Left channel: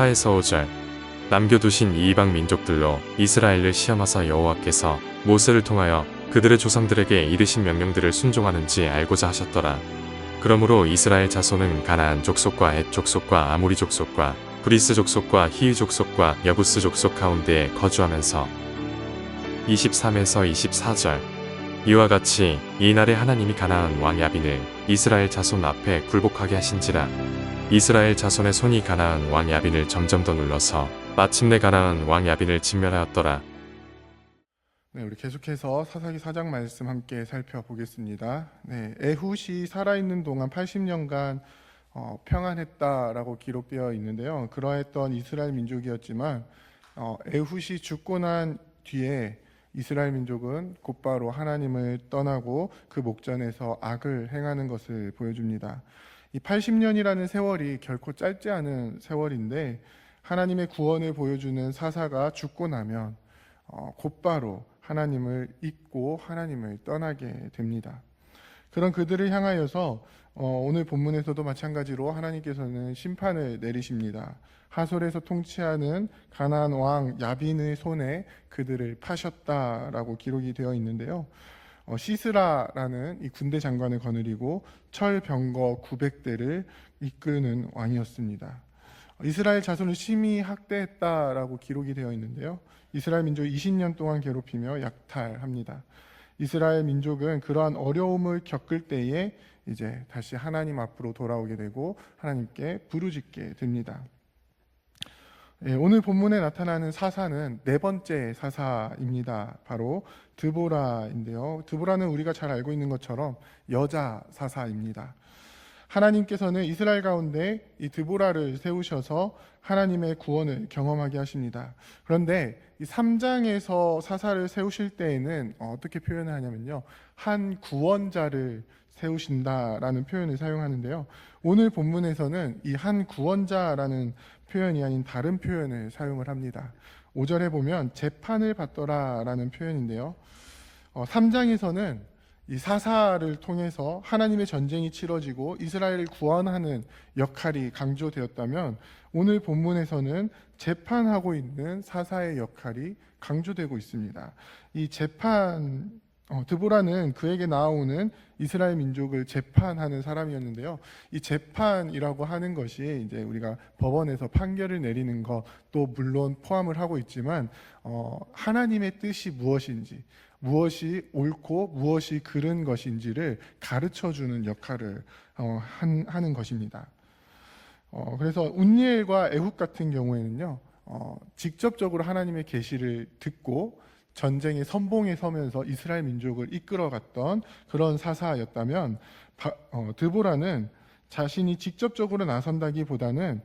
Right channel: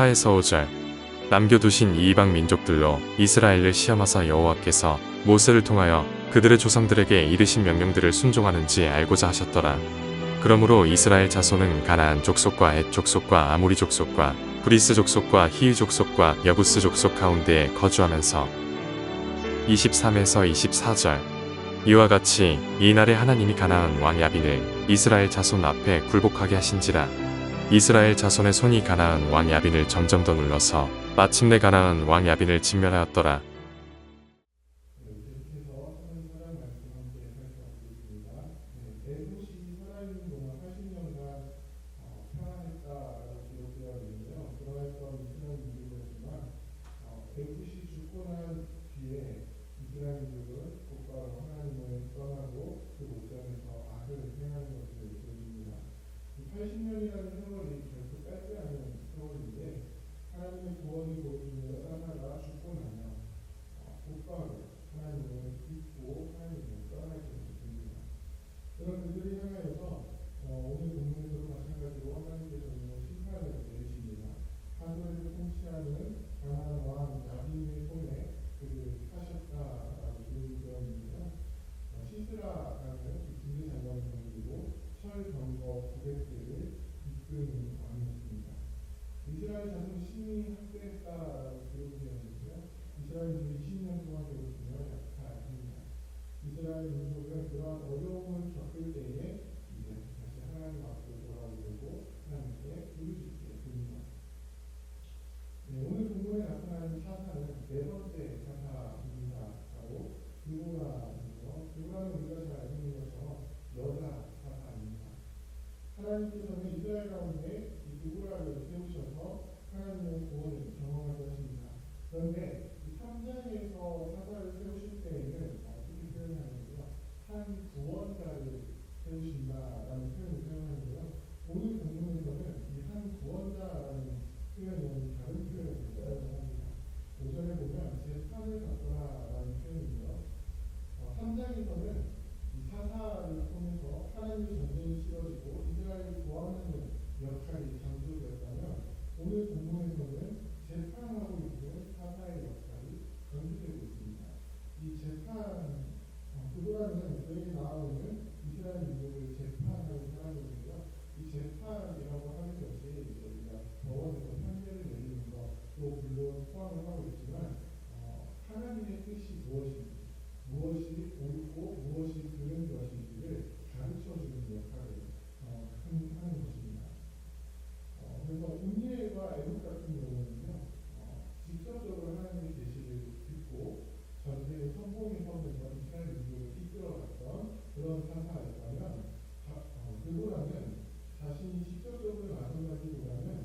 4에서 5절. 남겨두신 이 이방 민족들로 이스라엘을 시험하사 여호와께서 모세를 통하여 그들의 조상들에게 이르신 명령들을 순종하는지 알고자 하셨더라. 그러므로 이스라엘 자손은 가나안 족속과 헷 족속과 아모리 족속과 브리스 족속과 히위 족속과 여부스 족속 가운데에 거주하면서 23에서 24절. 이와 같이 이날에 하나님이 가나안 왕 야빈을 이스라엘 자손 앞에 굴복하게 하신지라. 이스라엘 자손의 손이 가나안 왕 야빈을 점점 더 눌러서 마침내 가나안 왕 야빈을 진멸하였더라. 네, 우리 계속해서 사사기 4장 말씀 함께 살펴보겠습니다. 네, 에훗이 살아있는 동안 80년간 평안했다라고 기록되어 있는데요. 그러했던 이스라엘 민족이었지만 에훗이 죽고 난 뒤에 이스라엘 민족은 곧바로 하나님을 떠나고 그 목전에서 악을 행하는 것을 보여줍니다. 이 80년이라는 세월이 결코 짧지 않은 세월인데 하나님의 구원을 보여주는 사사가 죽고 나면 곧바로 하나님을 잊고 하나님을 떠나게 됩니다. 그런 그들을 향하여서 오늘 본문에서도 마찬가지로 하나님께서는 심판을 내리십니다. 하솔에서 통치하는 가나안 왕 야빈의 손에 그들을 파셨다라고 기록이 되어 있는데요. 시스라라는 이 군대 장관을 거느리고 철병거 900대를 이끄는 왕이었습니다. 이스라엘 자손을 심히 학대했다라고 기록이 되어 있는데요. 이스라엘 민족 20년 동안 괴롭히며 약탈합니다. 이스라엘 민족은 그러한 어려움을 겪을 때에 이제 다시 하나님 앞으로 돌아오게 되고 하나님께 부르짖게 됩니다. 오늘 본문에 나타나는 사사는 네 번째 사사입니다. 바로 드보라인데요. 드보라는 우리가 잘 알고 있는 것처럼 여자 사사입니다. 하나님께서는 이스라엘 가운데 이 드보라를 세우셔서 하나님의 구원을 경험하게 하십니다. 그런데 이 3장에서 사사를 세우실 때에는 어떻게 표현을 하냐면요, 한 구원자를 세우신다라는 표현을 사용하는데요. 오늘 본문에서는 이 한 구원자라는 표현이 아닌 다른 표현을 사용을 합니다. 5절에 보면 재판을 받더라라는 표현인데요. 3장에서는 이 사사를 통해서 하나님의 전쟁이 치러지고 이스라엘을 구원하는 역할이 강조되었다면 오늘 본문에서는 재판하고 있는 사사의 역할이 강조되고 있습니다. 이 재판 드보라는 그에게 나아오는 이스라엘 민족을 재판하는 사람이었는데요. 이 재판이라고 하는 것이 이제 우리가 법원에서 판결을 내리는 것도 물론 포함을 하고 있지만 하나님의 뜻이 무엇인지, 무엇이 옳고 무엇이 그른 것인지를 가르쳐주는 역할을 하는 것입니다. 그래서 운니엘과 에훗 같은 경우에는요, 직접적으로 하나님의 계시를 듣고 전쟁의 선봉에 서면서 이스라엘 민족을 이끌어갔던 그런 사사였다면 드보라는 자신이 직접적으로 나선다기보다는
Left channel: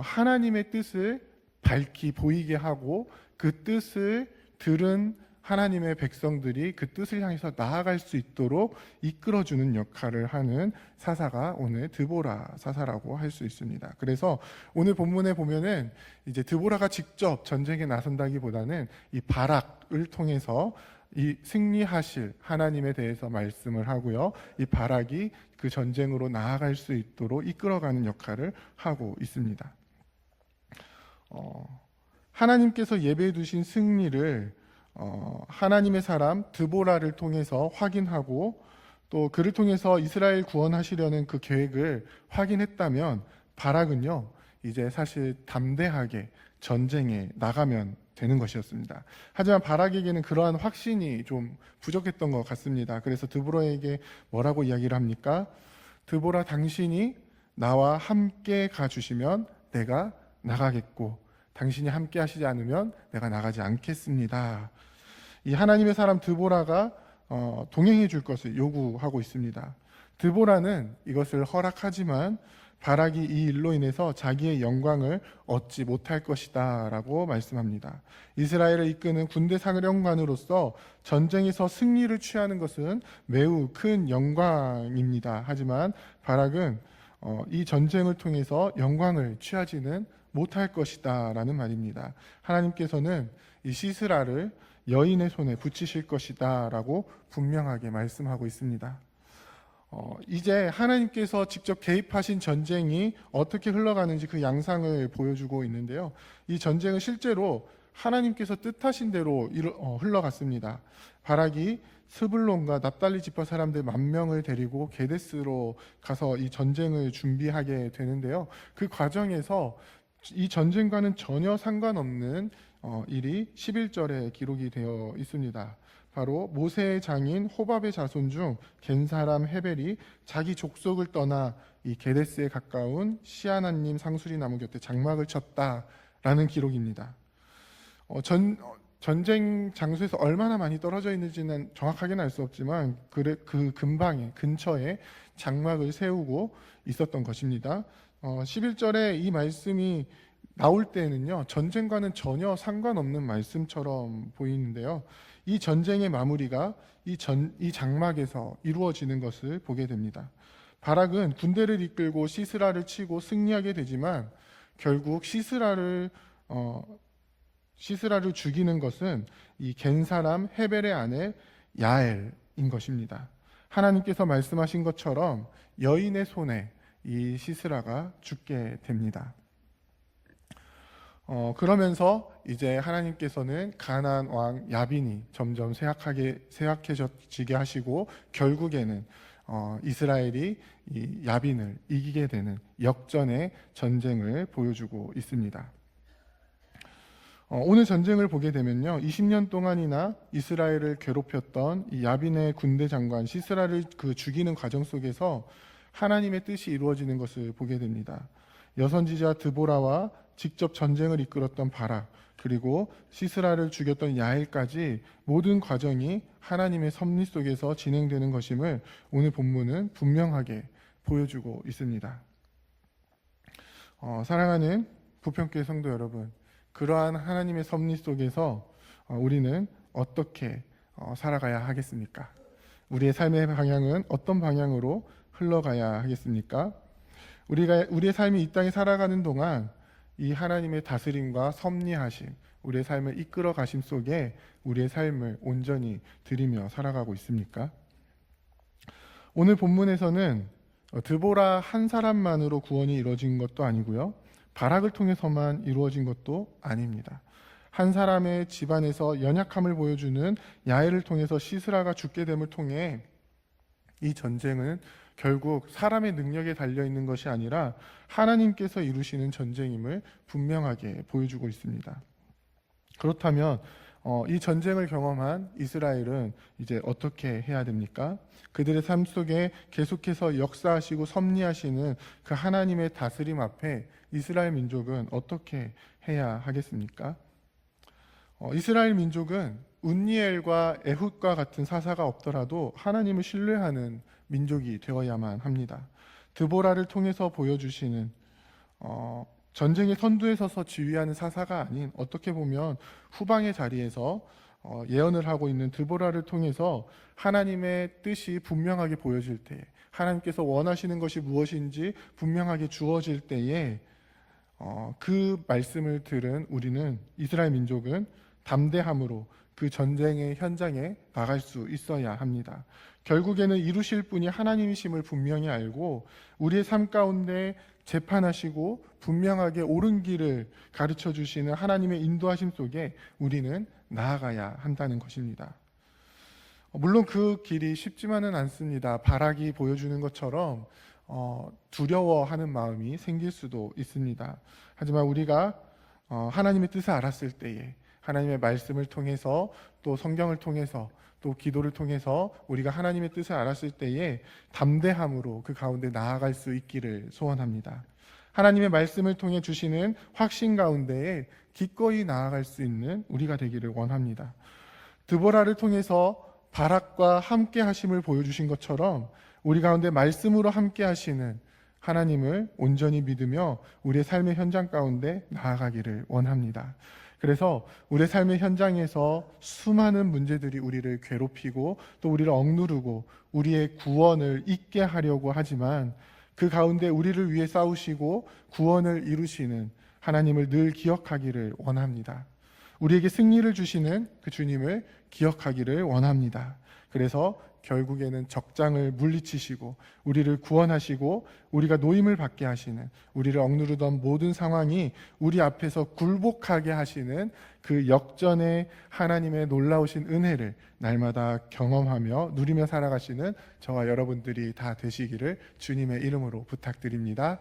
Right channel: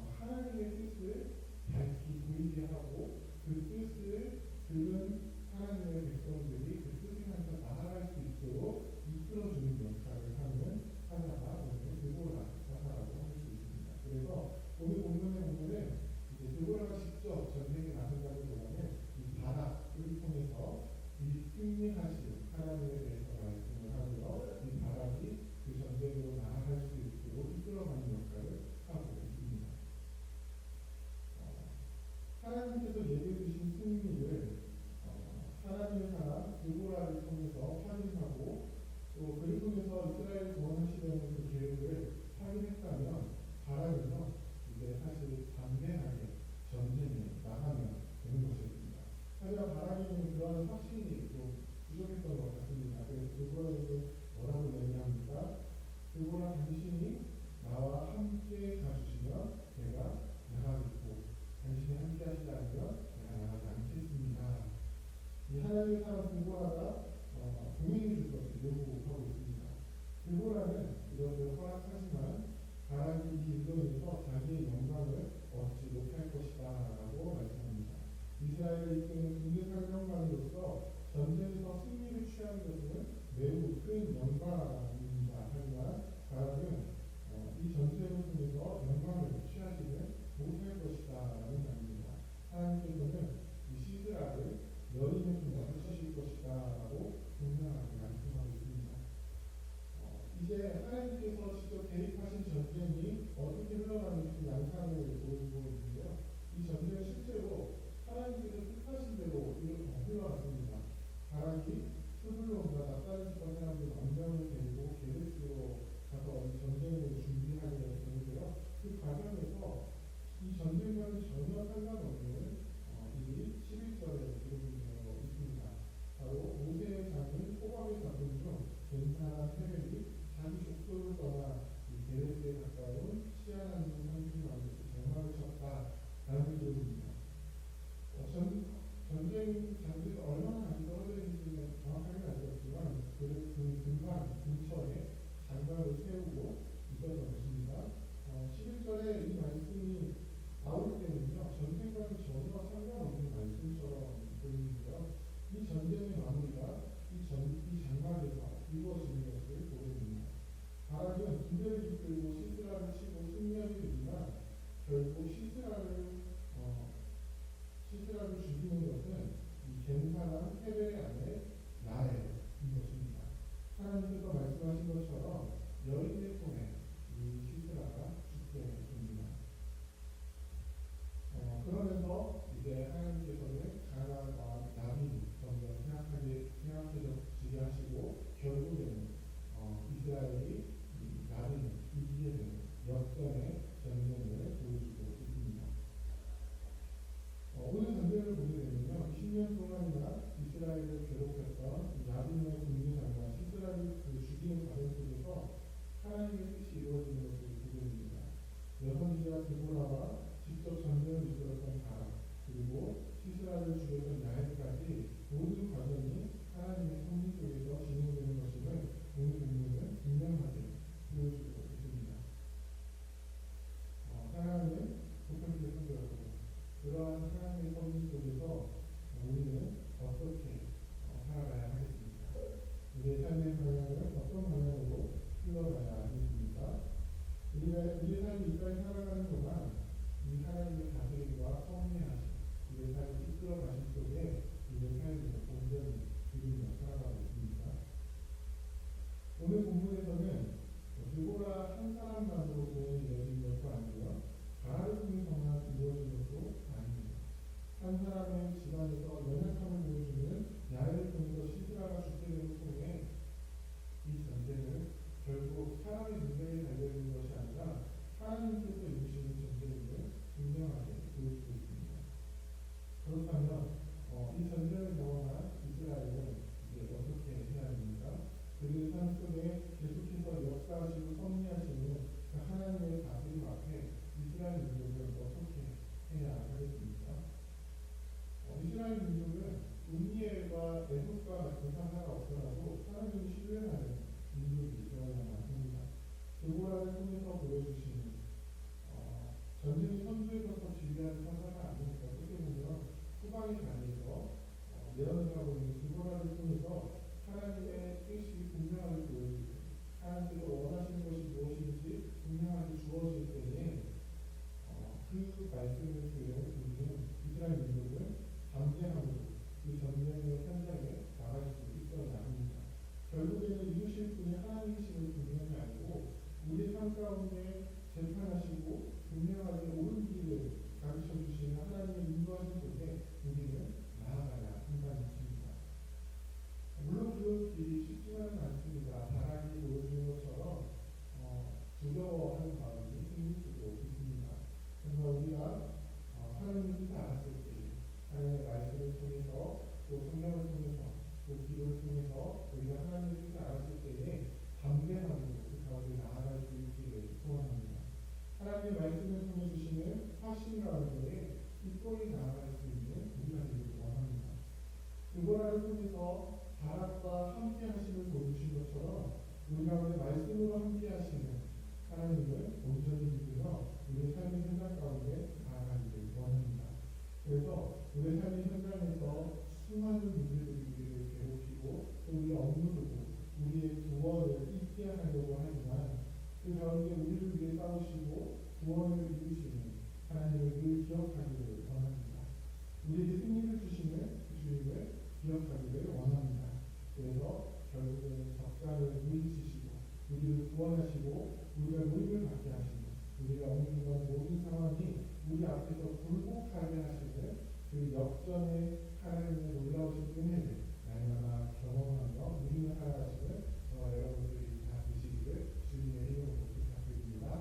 하나님의 뜻을 밝히 보이게 하고 그 뜻을 들은 하나님의 백성들이 그 뜻을 향해서 나아갈 수 있도록 이끌어주는 역할을 하는 사사가 오늘 드보라 사사라고 할 수 있습니다. 그래서 오늘 본문에 보면은 이제 드보라가 직접 전쟁에 나선다기보다는 이 바락을 통해서 이 승리하실 하나님에 대해서 말씀을 하고요. 이 바락이 그 전쟁으로 나아갈 수 있도록 이끌어가는 역할을 하고 있습니다. 하나님께서 예배해 두신 승리를 하나님의 사람 드보라를 통해서 확인하고 또 그를 통해서 이스라엘 구원하시려는 그 계획을 확인했다면 바락은요, 이제 사실 담대하게 전쟁에 나가면 되는 것이었습니다. 하지만 바락에게는 그러한 확신이 좀 부족했던 것 같습니다. 그래서 드보라에게 뭐라고 이야기를 합니까? 드보라, 당신이 나와 함께 가주시면 내가 나가겠고 당신이 함께 하시지 않으면 내가 나가지 않겠습니다. 이 하나님의 사람 드보라가 동행해 줄 것을 요구하고 있습니다. 드보라는 이것을 허락하지만 바락이 이 일로 인해서 자기의 영광을 얻지 못할 것이다 라고 말씀합니다. 이스라엘을 이끄는 군대 사령관으로서 전쟁에서 승리를 취하는 것은 매우 큰 영광입니다. 하지만 바락은 이 전쟁을 통해서 영광을 취하지는 못할 것이다 라는 말입니다. 하나님께서는 이 시스라를 여인의 손에 붙이실 것이다 라고 분명하게 말씀하고 있습니다. 이제 하나님께서 직접 개입하신 전쟁이 어떻게 흘러가는지 그 양상을 보여주고 있는데요. 이 전쟁은 실제로 하나님께서 뜻하신 대로 흘러갔습니다. 바락이 스불론과 납달리 지파 사람들 10,000명을 데리고 게데스로 가서 이 전쟁을 준비하게 되는데요. 그 과정에서 이 전쟁과는 전혀 상관없는 일이 11절에 기록이 되어 있습니다. 바로 모세의 장인 호밥의 자손 중 겐 사람 헤벨이 자기 족속을 떠나 이 게데스에 가까운 시아나님 상수리 나무 곁에 장막을 쳤다라는 기록입니다. 전쟁 장소에서 얼마나 많이 떨어져 있는지는 정확하게는 알 수 없지만 그 근처에 장막을 세우고 있었던 것입니다. 11절에 이 말씀이 나올 때는요, 전쟁과는 전혀 상관없는 말씀처럼 보이는데요. 이 전쟁의 마무리가 이 장막에서 이루어지는 것을 보게 됩니다. 바락은 군대를 이끌고 시스라를 치고 승리하게 되지만 결국 시스라를 죽이는 것은 이 겐 사람 헤벨의 아내 야엘인 것입니다. 하나님께서 말씀하신 것처럼 여인의 손에 이 시스라가 죽게 됩니다. 그러면서 이제 하나님께서는 가나안 왕 야빈이 점점 쇠약해지게 하시고 결국에는 이스라엘이 이 야빈을 이기게 되는 역전의 전쟁을 보여주고 있습니다. 오늘 전쟁을 보게 되면요, 20년 동안이나 이스라엘을 괴롭혔던 이 야빈의 군대 장관 시스라를 죽이는 과정 속에서 하나님의 뜻이 이루어지는 것을 보게 됩니다. 여선지자 드보라와 직접 전쟁을 이끌었던 바락, 그리고 시스라를 죽였던 야엘까지 모든 과정이 하나님의 섭리 속에서 진행되는 것임을 오늘 본문은 분명하게 보여주고 있습니다. 사랑하는 부평교회 성도 여러분, 그러한 하나님의 섭리 속에서 우리는 어떻게 살아가야 하겠습니까? 우리의 삶의 방향은 어떤 방향으로 흘러가야 하겠습니까? 우리의 삶이 이 땅에 살아가는 동안 이 하나님의 다스림과 섭리하심, 우리의 삶을 이끌어 가심 속에 우리의 삶을 온전히 드리며 살아가고 있습니까? 오늘 본문에서는 드보라 한 사람만으로 구원이 이루어진 것도 아니고요, 바락을 통해서만 이루어진 것도 아닙니다. 한 사람의 집안에서 연약함을 보여주는 야엘을 통해서 시스라가 죽게 됨을 통해 이 전쟁은 결국 사람의 능력에 달려있는 것이 아니라 하나님께서 이루시는 전쟁임을 분명하게 보여주고 있습니다. 그렇다면 이 전쟁을 경험한 이스라엘은 이제 어떻게 해야 됩니까? 그들의 삶 속에 계속해서 역사하시고 섭리하시는 그 하나님의 다스림 앞에 이스라엘 민족은 어떻게 해야 하겠습니까? 이스라엘 민족은 운니엘과 에훗과 같은 사사가 없더라도 하나님을 신뢰하는 민족이 되어야만 합니다. 드보라를 통해서 보여주시는 전쟁의 선두에 서서 지휘하는 사사가 아닌, 어떻게 보면 후방의 자리에서 예언을 하고 있는 드보라를 통해서 하나님의 뜻이 분명하게 보여질 때, 하나님께서 원하시는 것이 무엇인지 분명하게 주어질 때에 그 말씀을 들은 우리는, 이스라엘 민족은 담대함으로 그 전쟁의 현장에 나갈 수 있어야 합니다. 결국에는 이루실 분이 하나님이심을 분명히 알고 우리의 삶 가운데 재판하시고 분명하게 옳은 길을 가르쳐 주시는 하나님의 인도하심 속에 우리는 나아가야 한다는 것입니다. 물론 그 길이 쉽지만은 않습니다. 바락이 보여주는 것처럼 두려워하는 마음이 생길 수도 있습니다. 하지만 우리가 하나님의 뜻을 알았을 때에, 하나님의 말씀을 통해서, 또 성경을 통해서, 또 기도를 통해서 우리가 하나님의 뜻을 알았을 때에 담대함으로 그 가운데 나아갈 수 있기를 소원합니다. 하나님의 말씀을 통해 주시는 확신 가운데에 기꺼이 나아갈 수 있는 우리가 되기를 원합니다. 드보라를 통해서 바락과 함께 하심을 보여주신 것처럼 우리 가운데 말씀으로 함께 하시는 하나님을 온전히 믿으며 우리의 삶의 현장 가운데 나아가기를 원합니다. 그래서 우리의 삶의 현장에서 수많은 문제들이 우리를 괴롭히고 또 우리를 억누르고 우리의 구원을 잊게 하려고 하지만, 그 가운데 우리를 위해 싸우시고 구원을 이루시는 하나님을 늘 기억하기를 원합니다. 우리에게 승리를 주시는 그 주님을 기억하기를 원합니다. 그래서 결국에는 적장을 물리치시고 우리를 구원하시고 우리가 노임을 받게 하시는, 우리를 억누르던 모든 상황이 우리 앞에서 굴복하게 하시는 그 역전의 하나님의 놀라우신 은혜를 날마다 경험하며 누리며 살아가시는 저와 여러분들이 다 되시기를 주님의 이름으로 부탁드립니다.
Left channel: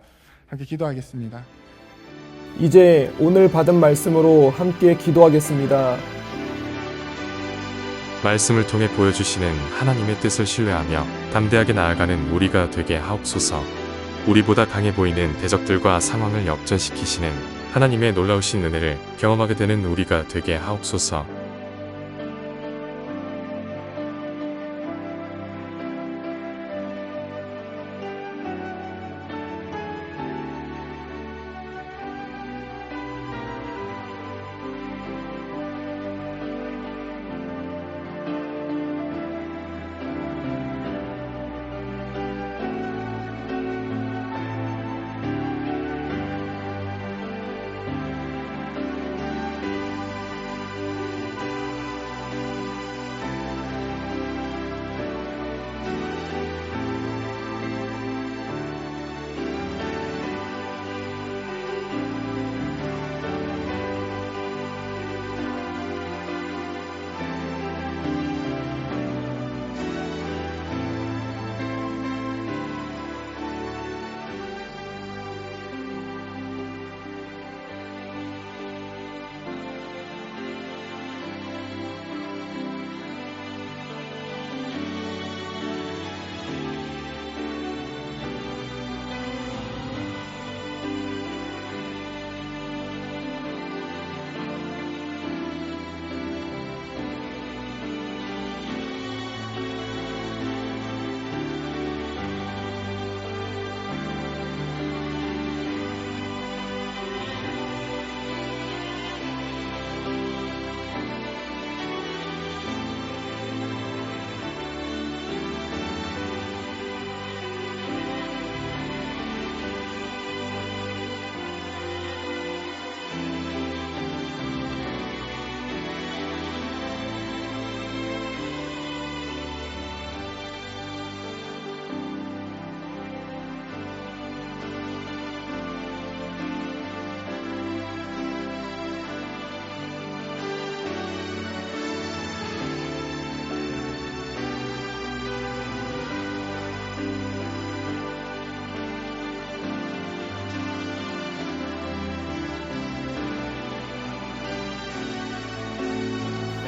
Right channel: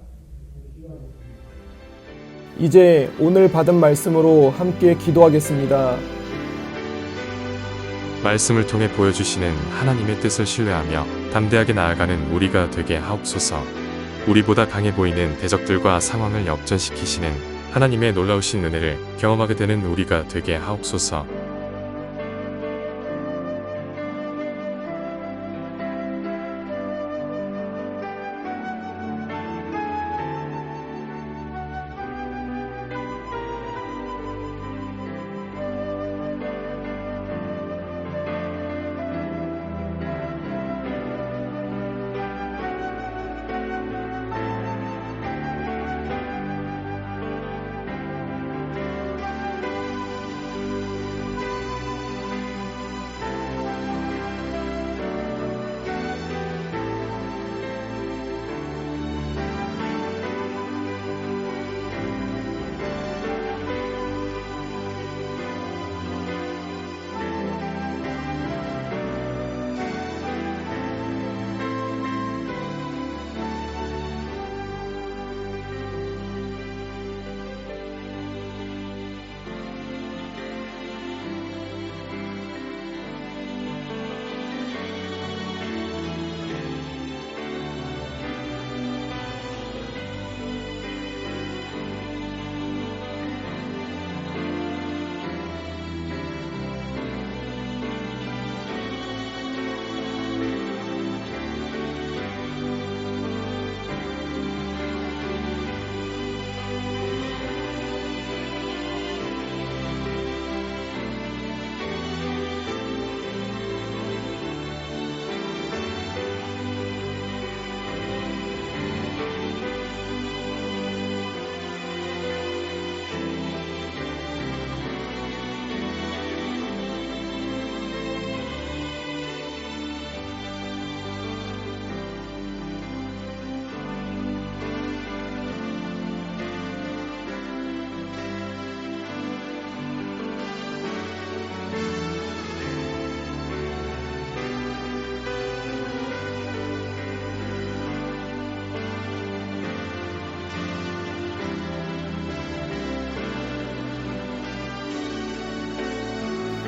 함께 기도하겠습니다. 이제 오늘 받은 말씀으로 함께 기도하겠습니다. 말씀을 통해 보여주시는 하나님의 뜻을 신뢰하며 담대하게 나아가는 우리가 되게 하옵소서. 우리보다 강해 보이는 대적들과 상황을 역전시키시는 하나님의 놀라우신 은혜를 경험하게 되는 우리가 되게 하옵소서.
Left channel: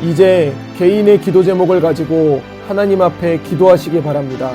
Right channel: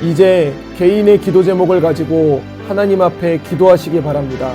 이제 개인의 기도 제목을 가지고 하나님 앞에 기도하시기 바랍니다.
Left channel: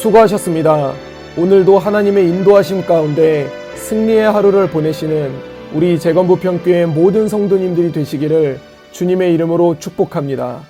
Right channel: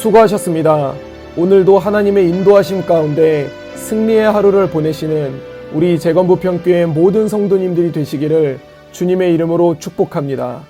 수고하셨습니다. 오늘도 하나님의 인도하심 가운데 승리의 하루를 보내시는 우리 재건부평교회 모든 성도님들이 되시기를 주님의 이름으로 축복합니다.